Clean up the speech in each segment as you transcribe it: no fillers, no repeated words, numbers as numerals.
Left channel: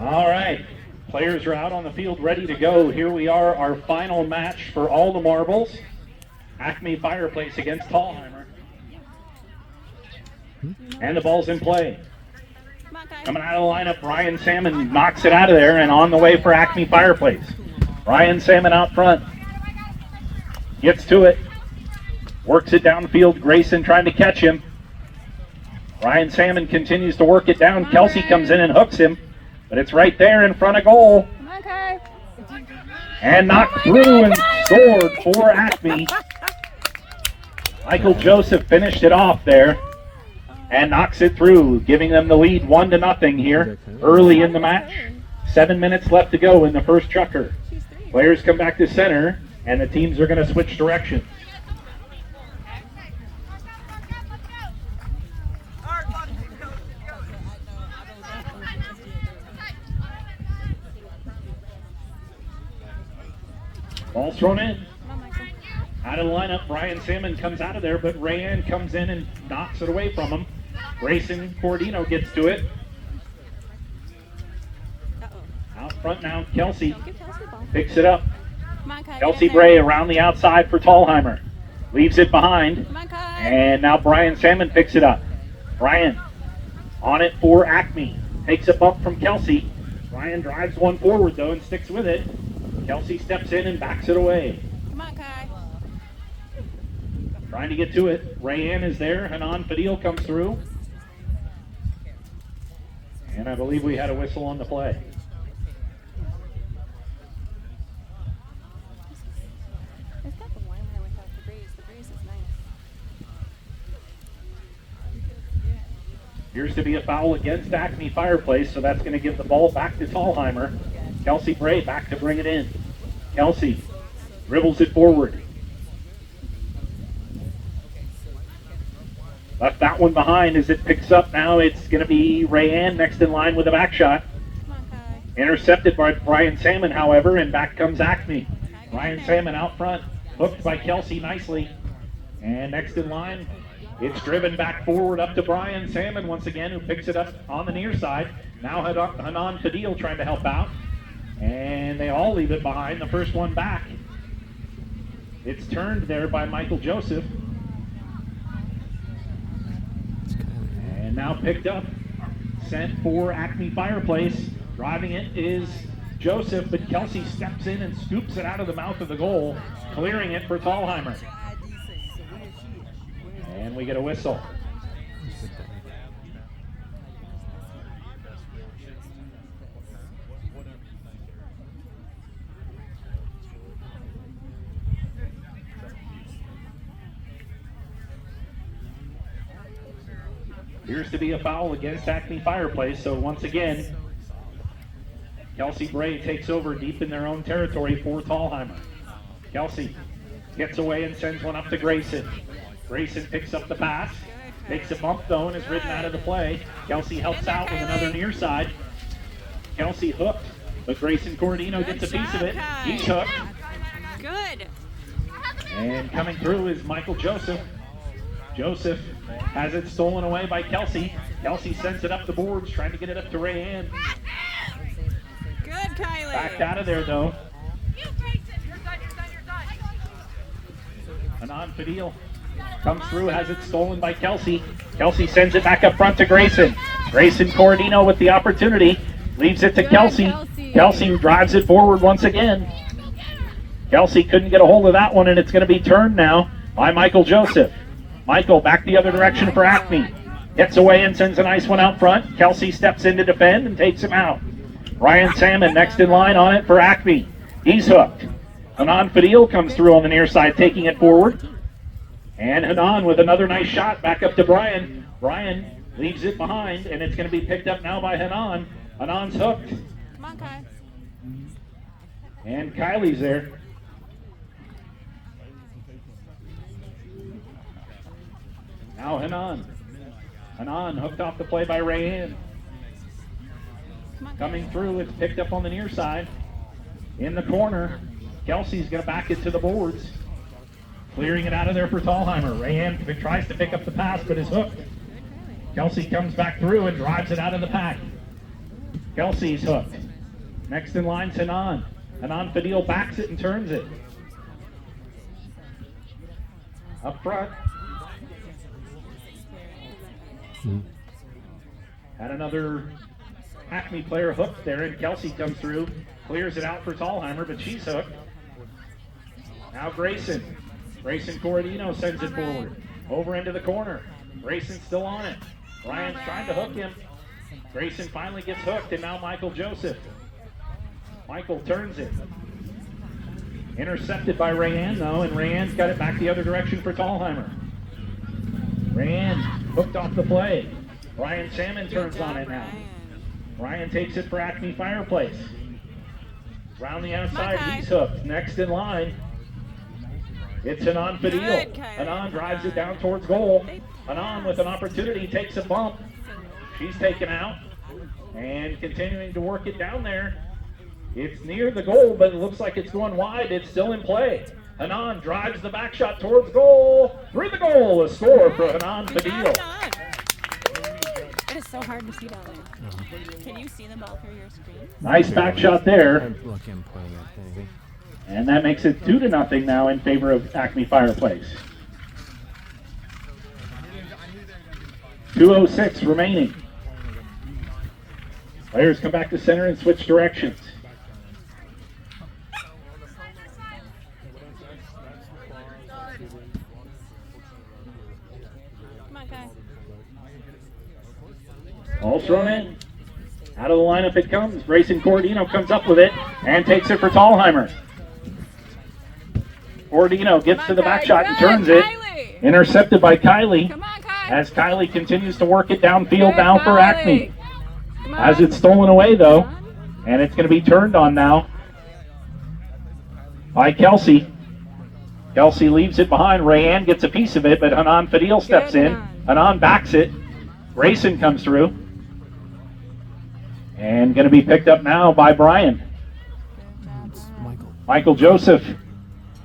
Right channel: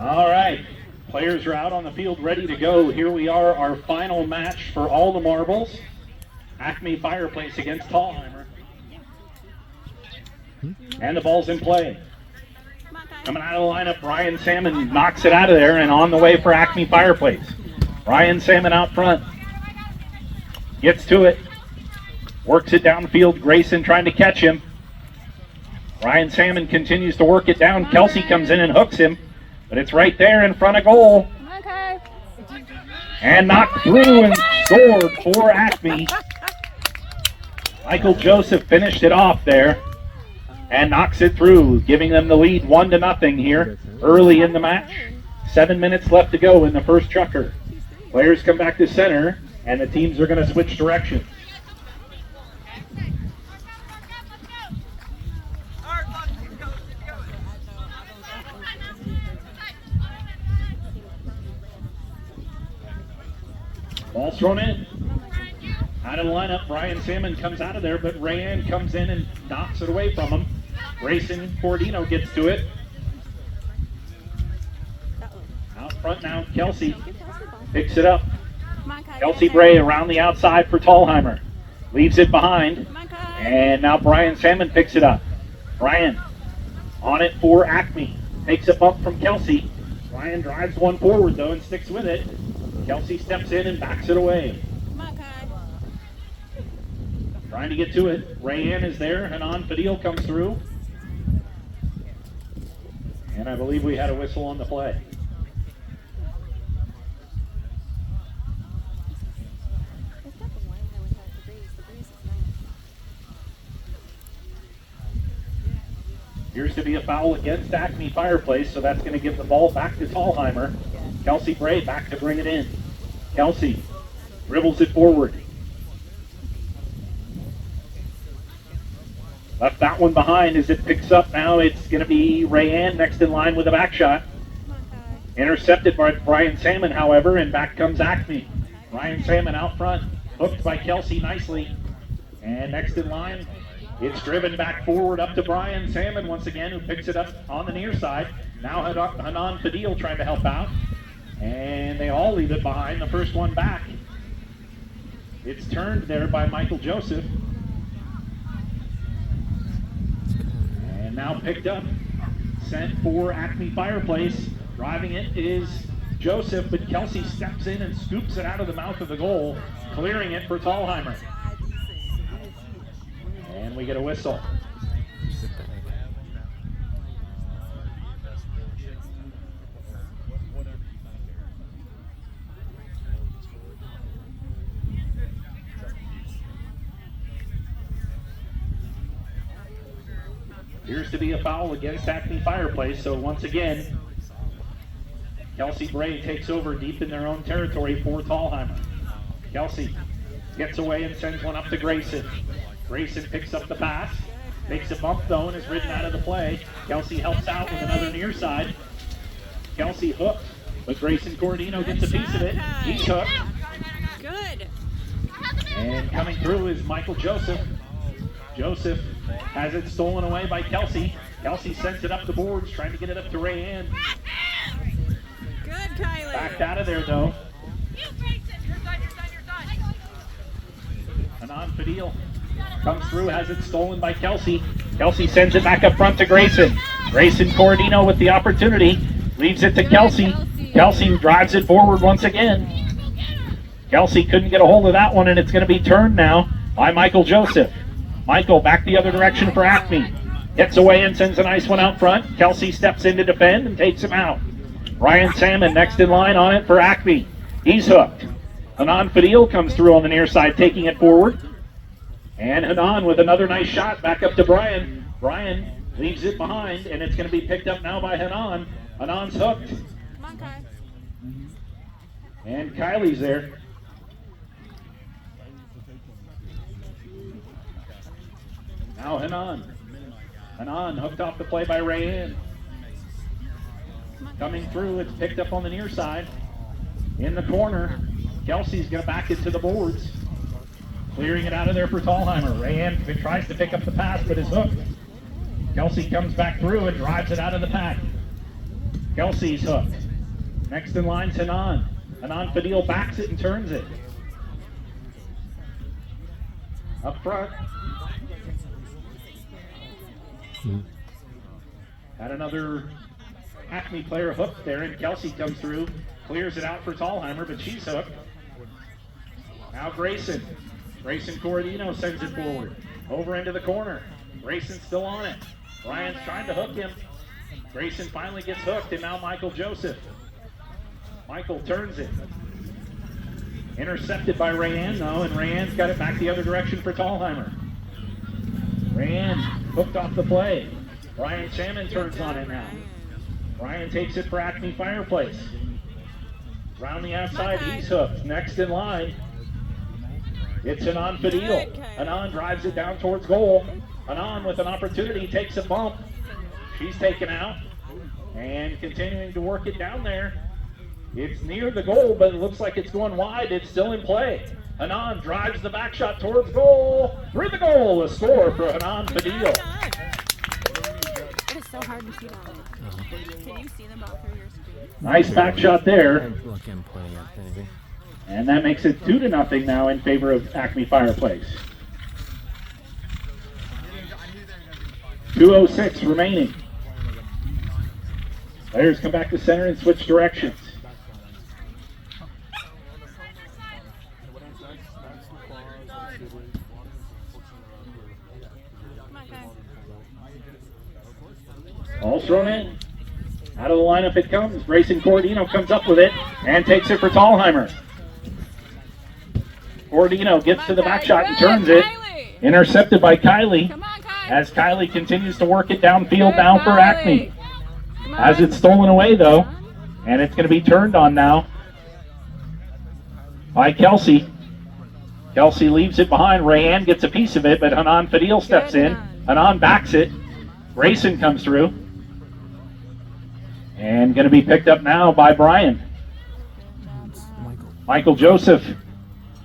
All right, players are out on the field ready to go. Here we are, our final match for all the marbles. ACME Fireplace against Thalhimer. And the ball's in play. Coming out of the lineup, Ryan Salmon knocks it out of there and on the way for ACME Fireplace. Ryan Salmon out front. Gets to it. Works it downfield. Grayson trying to catch him. Ryan Salmon continues to work it down. Kelsey comes in and hooks him. But it's right there in front of goal. And knocked through and scored for ACME. Michael Joseph finished it off there and knocks it through, giving them the lead 1-0 here early in the match. 7 minutes left to go in the first Chukker. Players come back to center, and the teams are going to switch directions. Ball's thrown in. Out of the lineup, Ryan Salmon comes out of there, but Rayanne comes in and knocks it away from him. Grayson Cordino gets to it. Out front now, Kelsey picks it up. Kelsey Bray around the outside for Thalhimer. Leaves it behind. And now Brian Salmon picks it up. Brian on it for ACME. Takes a bump from Kelsey. Brian drives one forward though and sticks with it. Kelsey steps in and backs it away. Trying to get to it. Rayanne is there. Hanan Fadil comes through. And I believe we had a whistle on the play. Appears to be a foul against ACME Fireplace, so that's going to give the ball back to Thalhimer. Kelsey Bray back to bring it in. Kelsey dribbles it forward. Left that one behind as it picks up now. It's going to be Rayanne next in line with a back shot. Intercepted by Brian Salmon, however, and back comes ACME. Brian Salmon out front, hooked by Kelsey nicely. And next in line, it's driven back forward up to Brian Salmon once again, who picks it up on the near side. Now Hanan Fadil trying to help out. And they all leave it behind. The first one back. It's turned there by Michael Joseph. And now picked up, sent for ACME Fireplace. Driving it is Joseph, but Kelsey steps in and scoops it out of the mouth of the goal, clearing it for Thalhimer. And we get a whistle. Appears to be a foul against ACME Fireplace, so once again, Kelsey Bray takes over deep in their own territory for Thalhimer. Kelsey gets away and sends one up to Grayson. Grayson picks up the pass, makes a bump though and is ridden out of the play. Kelsey helps out with another near side. Kelsey hooked, but Grayson Cordino gets a piece of it. He's hooked. Good. And coming through is Michael Joseph. Joseph has it stolen away by Kelsey. Kelsey sends it up the boards, trying to get it up to Rayanne. Good, Kylie. Backed out of there, though. Hanan Fadil comes through, has it stolen by Kelsey. Kelsey sends it back up front to Grayson. Grayson Cordino with the opportunity. Leaves it to Kelsey. Kelsey drives it forward once again. Kelsey couldn't get a hold of that one, and it's going to be turned now by Michael Joseph. Michael back the other direction for ACME. Gets away and sends a nice one out front. Kelsey steps in to defend and takes him out. Ryan Salmon next in line on it for ACME. He's hooked. Hanan Fadil comes through on the near side, taking it forward. And Hanan with another nice shot back up to Brian. Brian leaves it behind, and it's going to be picked up now by Hanan. Hanan's hooked. And Kylie's there. Now Hanan. Hanan hooked off the play by Rayanne. Coming through, it's picked up on the near side. In the corner, Kelsey's going to back it to the boards. Clearing it out of there for Thalhimer. Rayanne tries to pick up the pass, but is hooked. Kelsey comes back through and drives it out of the pack. Kelsey's hooked. Next in line, Hanan. Hanan Fadil backs it and turns it. Up front. Had another ACME player hooked there, and Kelsey comes through, clears it out for Thalhimer, but she's hooked. Now Grayson. Grayson Corradino sends it forward. Over into the corner. Grayson's still on it. Ryan's trying to hook him. Grayson finally gets hooked, and now Michael Joseph. Michael turns it. Intercepted by Rayanne, though, and Rayanne's got it back the other direction for Thalhimer. Rayanne hooked off the play. Ryan Salmon turns on it now. Ryan takes it for ACME Fireplace. Round the outside, he's hooked. Next in line, it's Hanan Fadil. Hanan drives it down towards goal. Hanan with an opportunity takes a bump. She's taken out and continuing to work it down there. It's near the goal, but it looks like it's going wide. It's still in play. Hanan drives the back shot towards goal. Through the goal, a score for Hanan Fadil. It is so hard to see that one. Can you see the ball through your screen? Nice back shot there. I'm looking, pointing at anything. And that makes it 2-0 now in favor of ACME Fireplace. 2:06 remaining. Players come back to center and switch directions. Ball thrown in. Out of the lineup it comes. Grayson Corradino comes up with it and takes it for Thalhimer. Corradino gets to the back shot and turns it. Intercepted by Kylie. As Kylie continues to work it downfield now for ACME. Has it stolen away though. And it's going to be turned on now by Kelsey. Kelsey leaves it behind. Rayanne gets a piece of it, but Hanan Fadil steps in. Hanan backs it. Grayson comes through. And going to be picked up now by Brian. Michael Joseph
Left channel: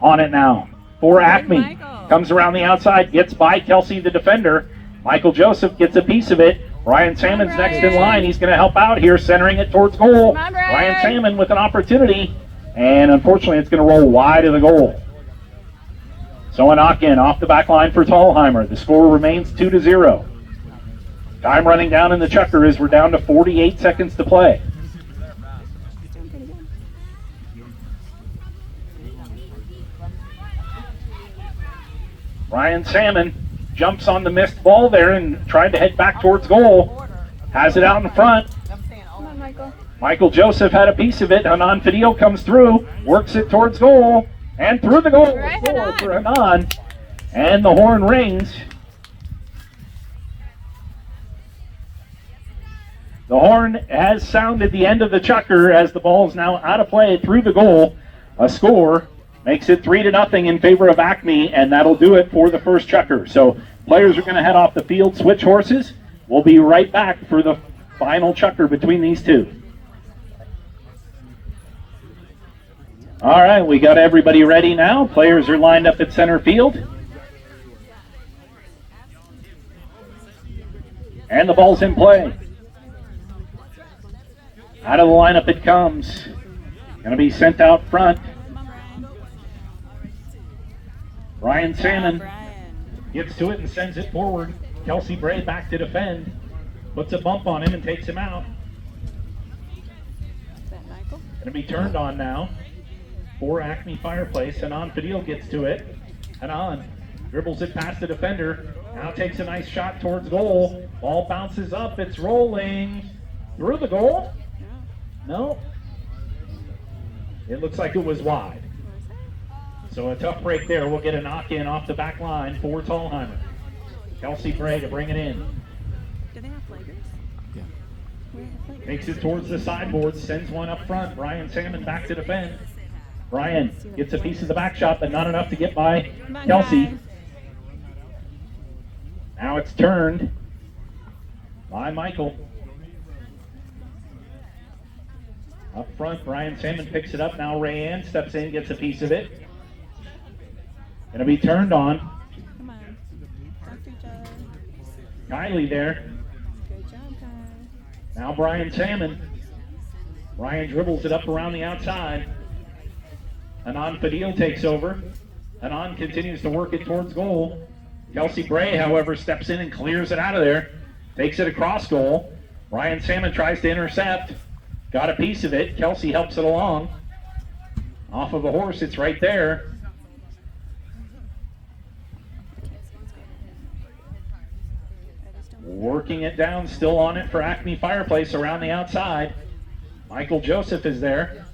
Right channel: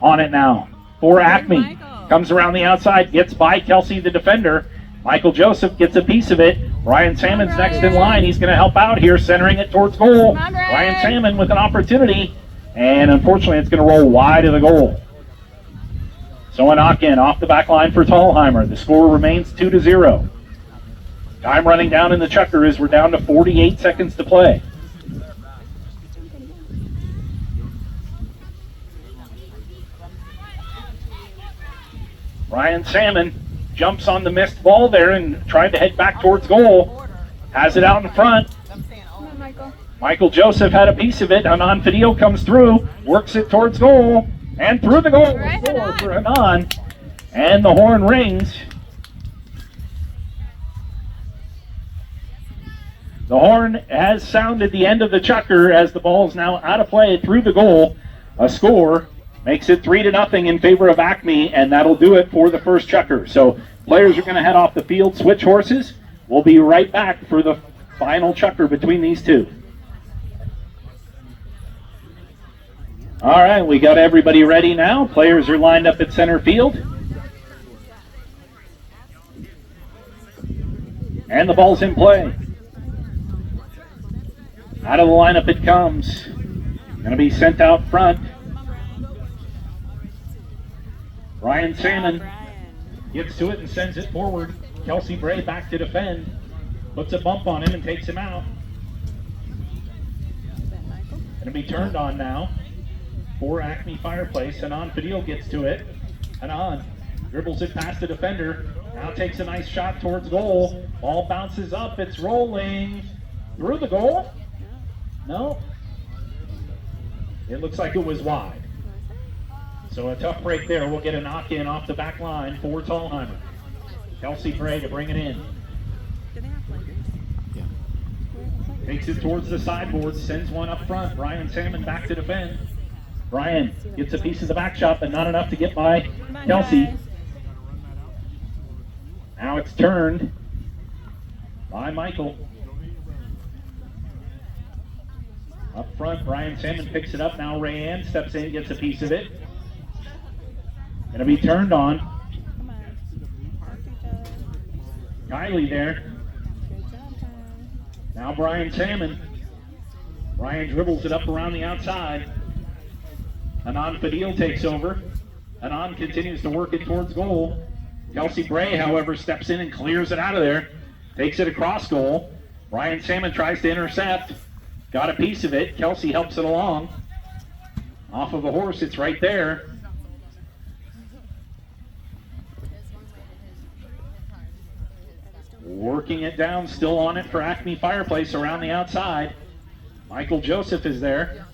on it now for ACME. Comes around the outside, gets by Kelsey, the defender. Michael Joseph gets a piece of it. Ryan Salmon's next in line. He's going to help out here, centering it towards goal. Ryan Salmon with an opportunity. And unfortunately, it's going to roll wide of the goal. So a knock-in off the back line for Thalhimer. The score remains 2-0. Time running down in the Chukker as we're down to 48 seconds to play. Ryan Salmon jumps on the missed ball there and tried to head back towards goal. Has it out in front. Michael Joseph had a piece of it. Hanan Fadil comes through, works it towards goal, and through the goal. Score for Hanan. And the horn rings. The horn has sounded the end of the Chukker as the ball is now out of play through the goal. A score makes it 3-0 in favor of ACME, and that'll do it for the first Chukker. So players are going to head off the field, switch horses. We'll be right back for the final Chukker between these two. All right, we got everybody ready now. Players are lined up at center field. And the ball's in play. Out of the lineup it comes. Going to be sent out front. Ryan Salmon gets to it and sends it forward. Kelsey Bray back to defend. Puts a bump on him and takes him out. Going to be turned on now for ACME Fireplace. Hanan Fadil gets to it. Hanan dribbles it past the defender. Now takes a nice shot towards goal. Ball bounces up. It's rolling through the goal. No. It looks like it was wide. So a tough break there. We'll get a knock-in off the back line for Thalhimer. Kelsey Bray to bring it in. Takes it towards the sideboard, sends one up front. Ryan Salmon back to defend. Ryan gets a piece of the back shot, but not enough to get by Kelsey. Now it's turned by Michael. Up front, Ryan Salmon picks it up. Now Rayanne steps in, gets a piece of it. Going to be turned on. Kylie there. Now Brian Salmon Ryan dribbles it up around the outside. Anon Fadil takes over. Anon continues to work it towards goal. Kelsey Bray, however, steps in and clears it out of there. Takes it across goal. Ryan Salmon tries to intercept. Got a piece of it. Kelsey helps it along. Off of the horse, it's right there. Working it down, still on it for Acme Fireplace around the outside. Michael Joseph is there.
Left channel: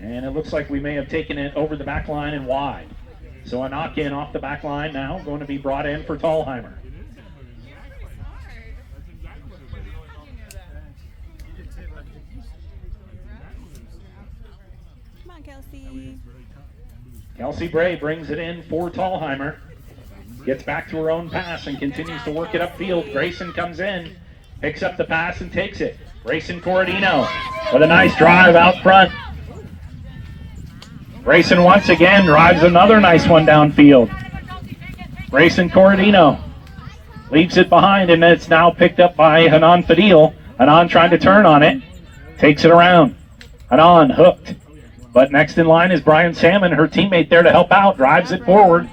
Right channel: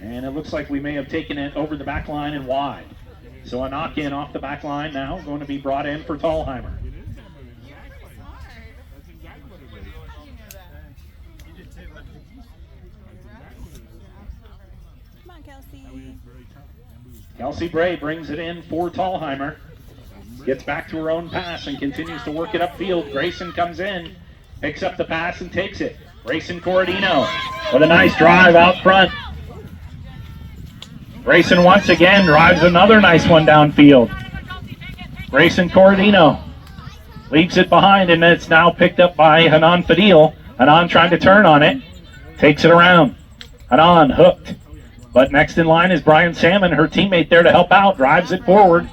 And it looks like we may have taken it over the back line and wide. So a knock in off the back line now, going to be brought in for Thalhimer. Come on, Kelsey. Kelsey Bray brings it in for Thalhimer. Gets back to her own pass and continues to work it upfield. Grayson comes in, picks up the pass and takes it. Grayson Corradino with a nice drive out front. Grayson once again drives another nice one downfield. Grayson Corradino leaves it behind, and it's now picked up by Hanan Fadil. Hanan trying to turn on it, takes it around. Hanan hooked, but next in line is Brian Salmon, her teammate there to help out, drives it forward.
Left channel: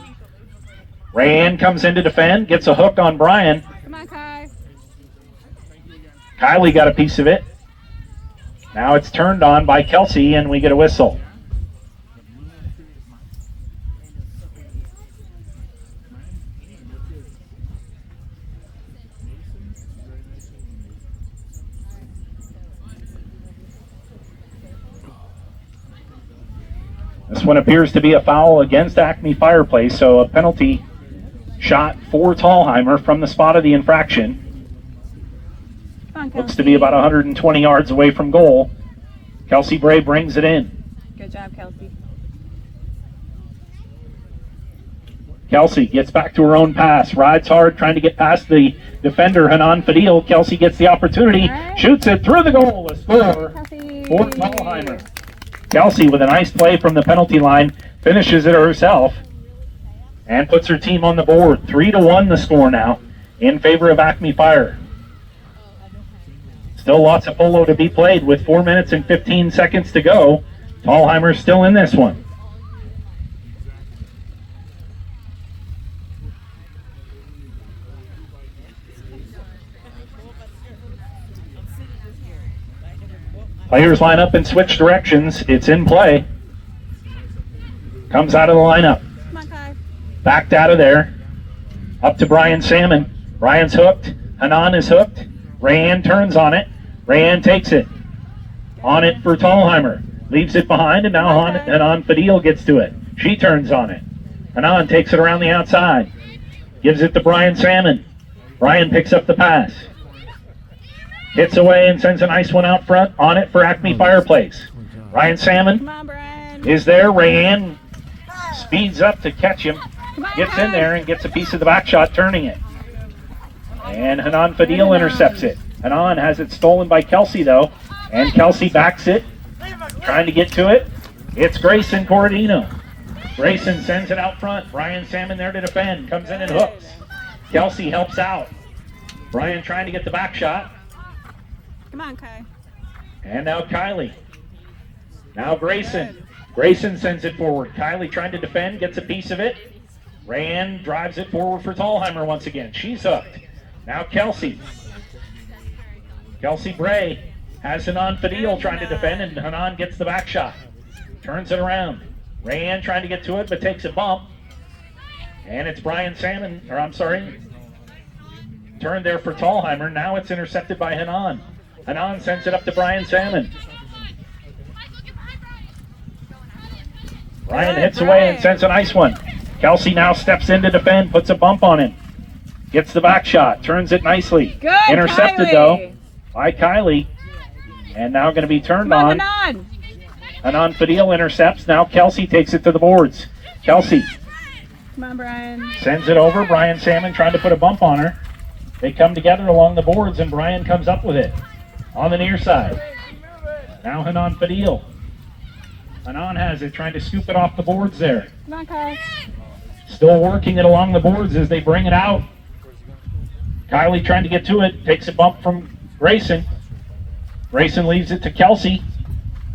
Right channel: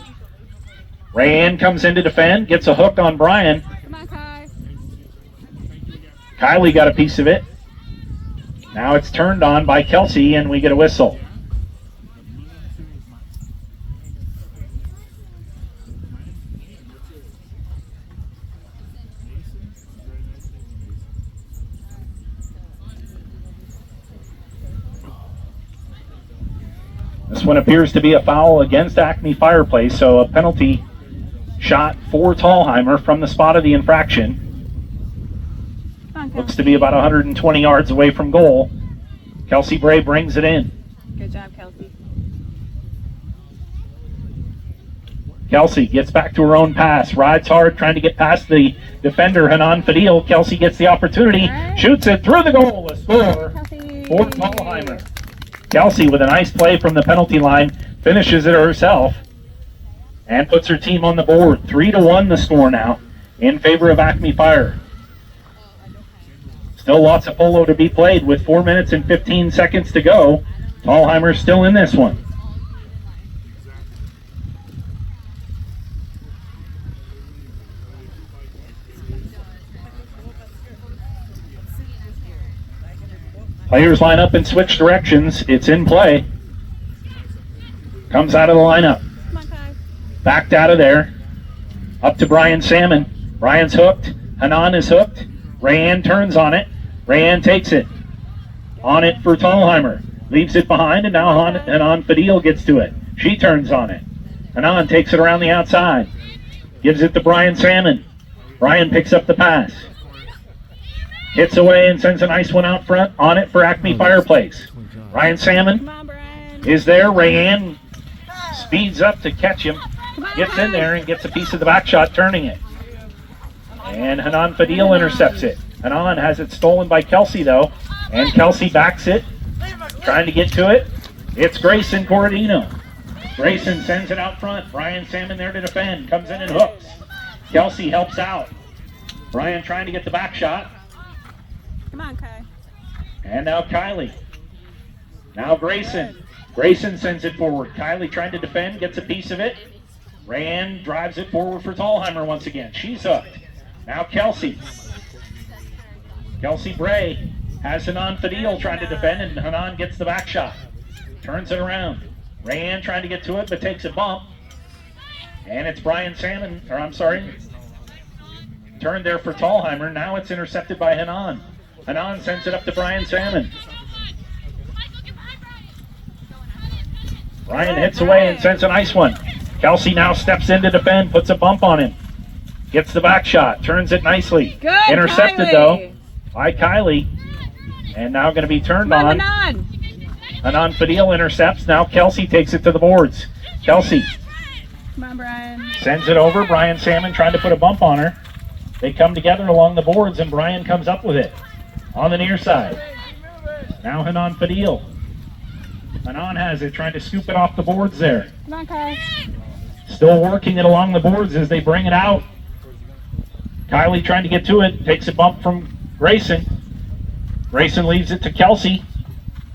Rayanne comes in to defend, gets a hook on Brian. Come on, Kai. Kylie got a piece of it. Now it's turned on by Kelsey, and we get a whistle. This one appears to be a foul against Acme Fireplace, so a penalty shot for Thalhimer from the spot of the infraction. Looks to be about 120 yards away from goal. Kelsey Bray brings it in. Good job, Kelsey. Kelsey gets back to her own pass, rides hard, trying to get past the defender, Hanan Fadil. Kelsey gets the opportunity, shoots it through the goal, a score for Thalhimer. Kelsey with a nice play from the penalty line, finishes it herself, and puts her team on the board. 3-1 the score now, in favor of Acme Fire. Still lots of polo to be played with 4 minutes and 15 seconds to go. Thalhimer's still in this one. Players line up and switch directions. It's in play. Comes out of the lineup. Come on, Kai. Backed out of there. Up to Brian Salmon. Brian's hooked. Hanan is hooked. Rayanne turns on it. Rayanne takes it. On it for Thalhimer. Leaves it behind, and now Hanan Fadil gets to it. She turns on it. Hanan takes it around the outside. Gives it to Brian Salmon. Brian picks up the pass. Hits away and sends a nice one out front. On it for Acme Fireplace. Brian Salmon Come on, Brian. is there. Rayanne speeds up to catch him. Gets in there and gets a piece of the back shot, turning it. And Hanan Fadil intercepts it. Hanan has it stolen by Kelsey, though. And Kelsey backs it. Trying to get to it. It's Grayson Corradino. Grayson sends it out front. Brian Salmon there to defend. Comes in and hooks. Kelsey helps out. Brian trying to get the back shot. Come on, Kai. And now Kylie. Now Grayson. Grayson sends it forward. Kylie trying to defend, gets a piece of it. Rayanne drives it forward for Thalhimer once again. She's hooked. Now Kelsey. Kelsey Bray has Hanan Fadil trying to defend, and Hanan gets the back shot. Turns it around. Rayanne trying to get to it, but takes a bump. And it's Brian Salmon, or I'm sorry, turned there for Thalhimer. Now it's intercepted by Hanan. Hanan sends it up to Brian Salmon. Brian hits away and sends a nice one. Kelsey now steps in to defend, puts a bump on him. Gets the back shot, turns it nicely. Good, intercepted Kylie. though by Kylie. And now going to be turned on. Hanan Fadil intercepts. Now Kelsey takes it to the boards. Kelsey Come on, Brian. sends it over. Brian Salmon trying to put a bump on her. They come together along the boards, and Brian comes up with it on the near side. Now Hanan Fadil. Hanan has it, trying to scoop it off the boards there. Come on, Kai. Still working it along the boards as they bring it out. Kylie trying to get to it, takes a bump from Grayson. Grayson leaves it to Kelsey.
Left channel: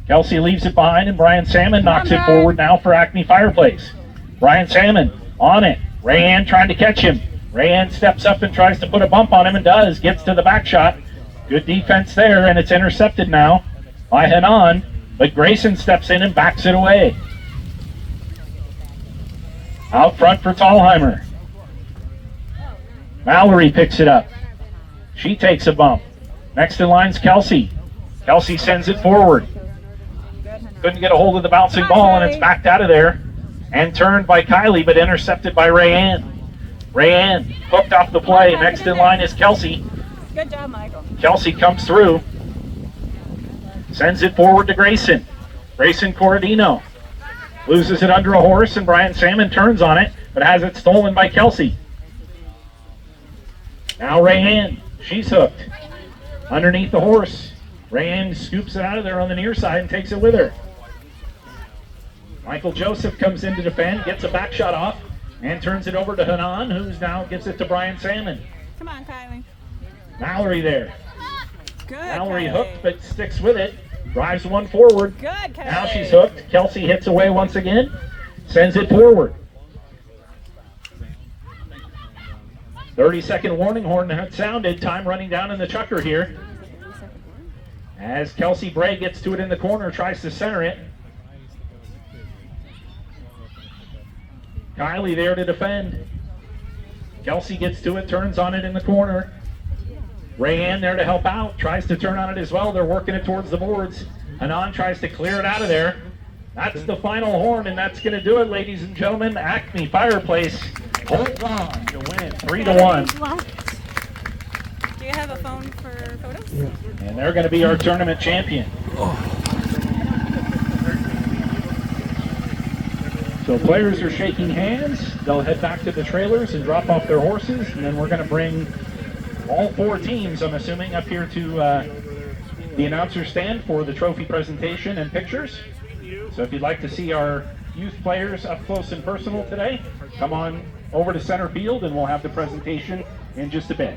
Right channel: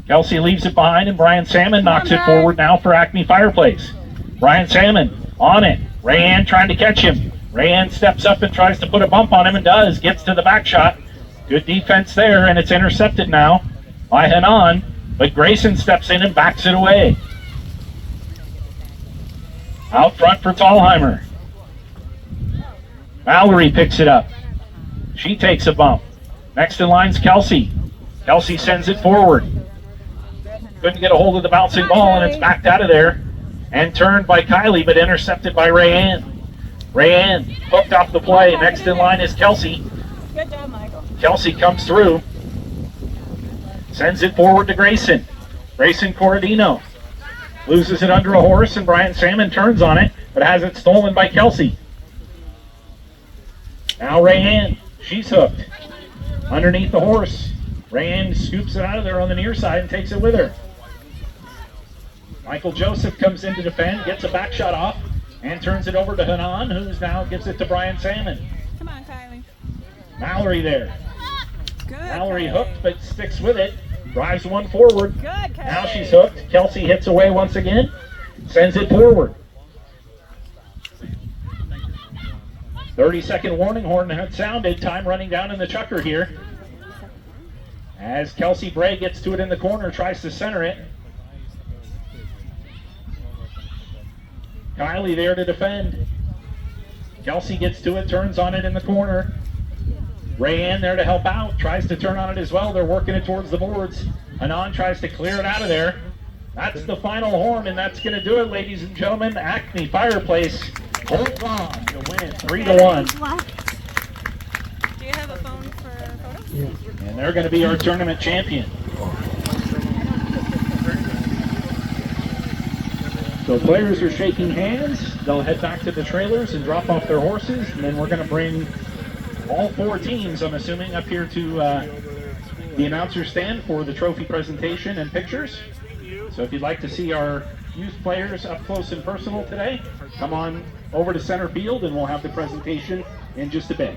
Kelsey leaves it behind, and Brian Salmon knocks it forward now for Acme Fireplace. Brian Salmon on it. Rayanne trying to catch him. Rayanne steps up and tries to put a bump on him and does. Gets to the back shot. Good defense there, and it's intercepted now by Hanan. But Grayson steps in and backs it away. Out front for Thalhimer. Mallory picks it up. She takes a bump. Next in line's Kelsey. Kelsey sends it forward. Couldn't get a hold of the bouncing ball, and it's backed out of there and turned by Kylie, but intercepted by Rayanne. Rayanne hooked off the play. Next in line is Kelsey. Good job, Michael. Kelsey comes through. Sends it forward to Grayson. Grayson Corradino loses it under a horse, and Brian Salmon turns on it, but has it stolen by Kelsey. Now Rayanne, she's hooked. Underneath the horse. Rayanne scoops it out of there on the near side and takes it with her. Michael Joseph comes in to defend, gets a back shot off, and turns it over to Hanan, who's now gives it to Brian Salmon. Come on, Kylie. Mallory there. Good. Mallory Kylie. hooked, but sticks with it. Drives one forward. Good, Kylie. Now she's hooked. Kelsey hits away once again. Sends it forward. 30-second warning horn had sounded. Time running down in the Chukker here. As Kelsey Bray gets to it in the corner, tries to center it. Kylie there to defend. Kelsey gets to it, turns on it in the corner. Rayanne there to help out, tries to turn on it as well. They're working it towards the boards. Hanan tries to clear it out of there. That's the final horn, and that's going to do it, ladies and gentlemen. Acme Fireplace holds on to win 3-1. Well, do you have a phone for photos? Yeah. And they're going to be our tournament champion. So players are shaking hands. They'll head back to the trailers and drop off their horses, and then we're going to bring all four teams, I'm assuming, up here to the announcer stand for the trophy presentation and pictures. So if you'd like to see our youth players up close and personal today, come on over to center field and we'll have the presentation in just a bit.